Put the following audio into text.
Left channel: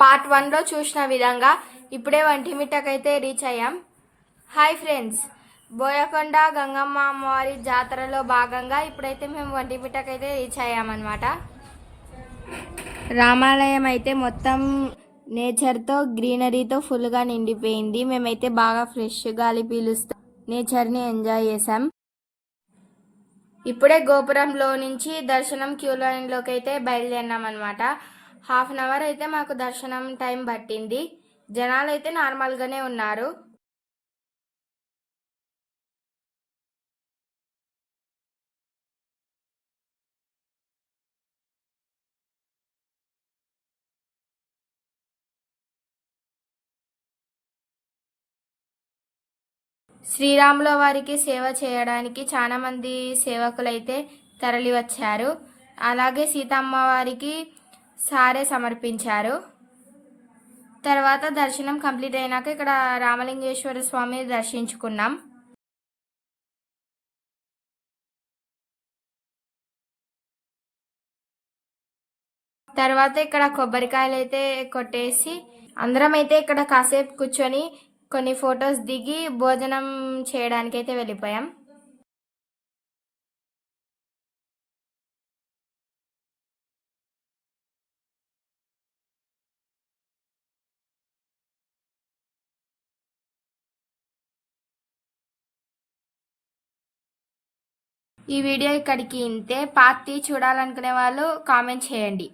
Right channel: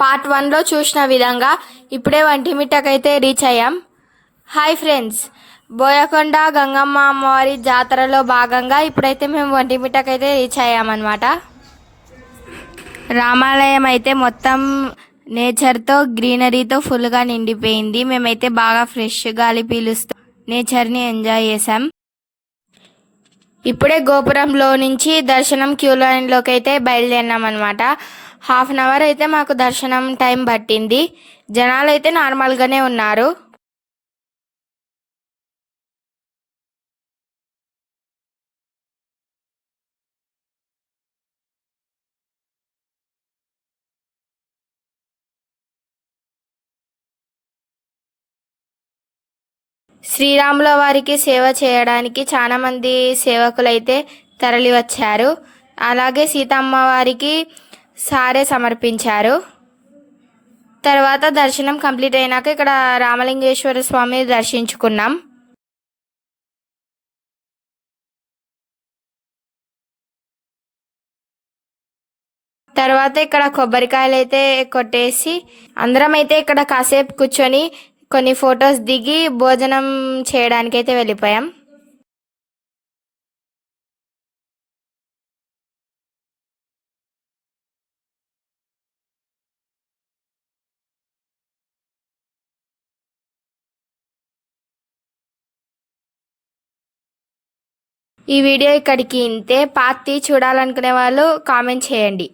Part 1లో చూసిన విధంగా ఇప్పుడే వంటిమిట్టకైతే రీచ్ అయ్యాం. హాయ్ ఫ్రెండ్స్, బోయకొండ గంగమ్మ అమ్మవారి జాతరలో భాగంగా ఇప్పుడైతే మేము వంటిమిట్టకైతే రీచ్ అయ్యామన్నమాట. రామాలయం అయితే మొత్తం నేచర్తో గ్రీనరీతో ఫుల్గా నిండిపోయింది. మేమైతే బాగా ఫ్రెష్ గాలి పీలుస్తూ నేచర్ని ఎంజాయ్ చేసాం. ఇప్పుడే గోపురంలో నుంచి దర్శనం క్యూ లైన్లోకి అయితే బయలుదేరినాం అనమాట. హాఫ్ అన్ అవర్ అయితే మాకు దర్శనం టైం పట్టింది. జనాలు అయితే నార్మల్గానే ఉన్నారు. శ్రీరాముల వారికి సేవ చేయడానికి చాలా మంది సేవకులైతే తరలి వచ్చారు. అలాగే సీతమ్మ వారికి సారే సమర్పించారు. తర్వాత దర్శనం కంప్లీట్ అయినాక ఇక్కడ రామలింగేశ్వర స్వామి దర్శించుకున్నాం. తర్వాత ఇక్కడ కొబ్బరికాయలు అయితే కొట్టేసి అందరం అయితే ఇక్కడ కాసేపు కూర్చొని కొన్ని ఫొటోస్ దిగి భోజనం చేయడానికి అయితే వెళ్ళిపోయాం. ఈ వీడియో ఇక్కడికి ఇంతే. పార్ట్ 3 చూడాలనుకునే వాళ్ళు కామెంట్ చేయండి.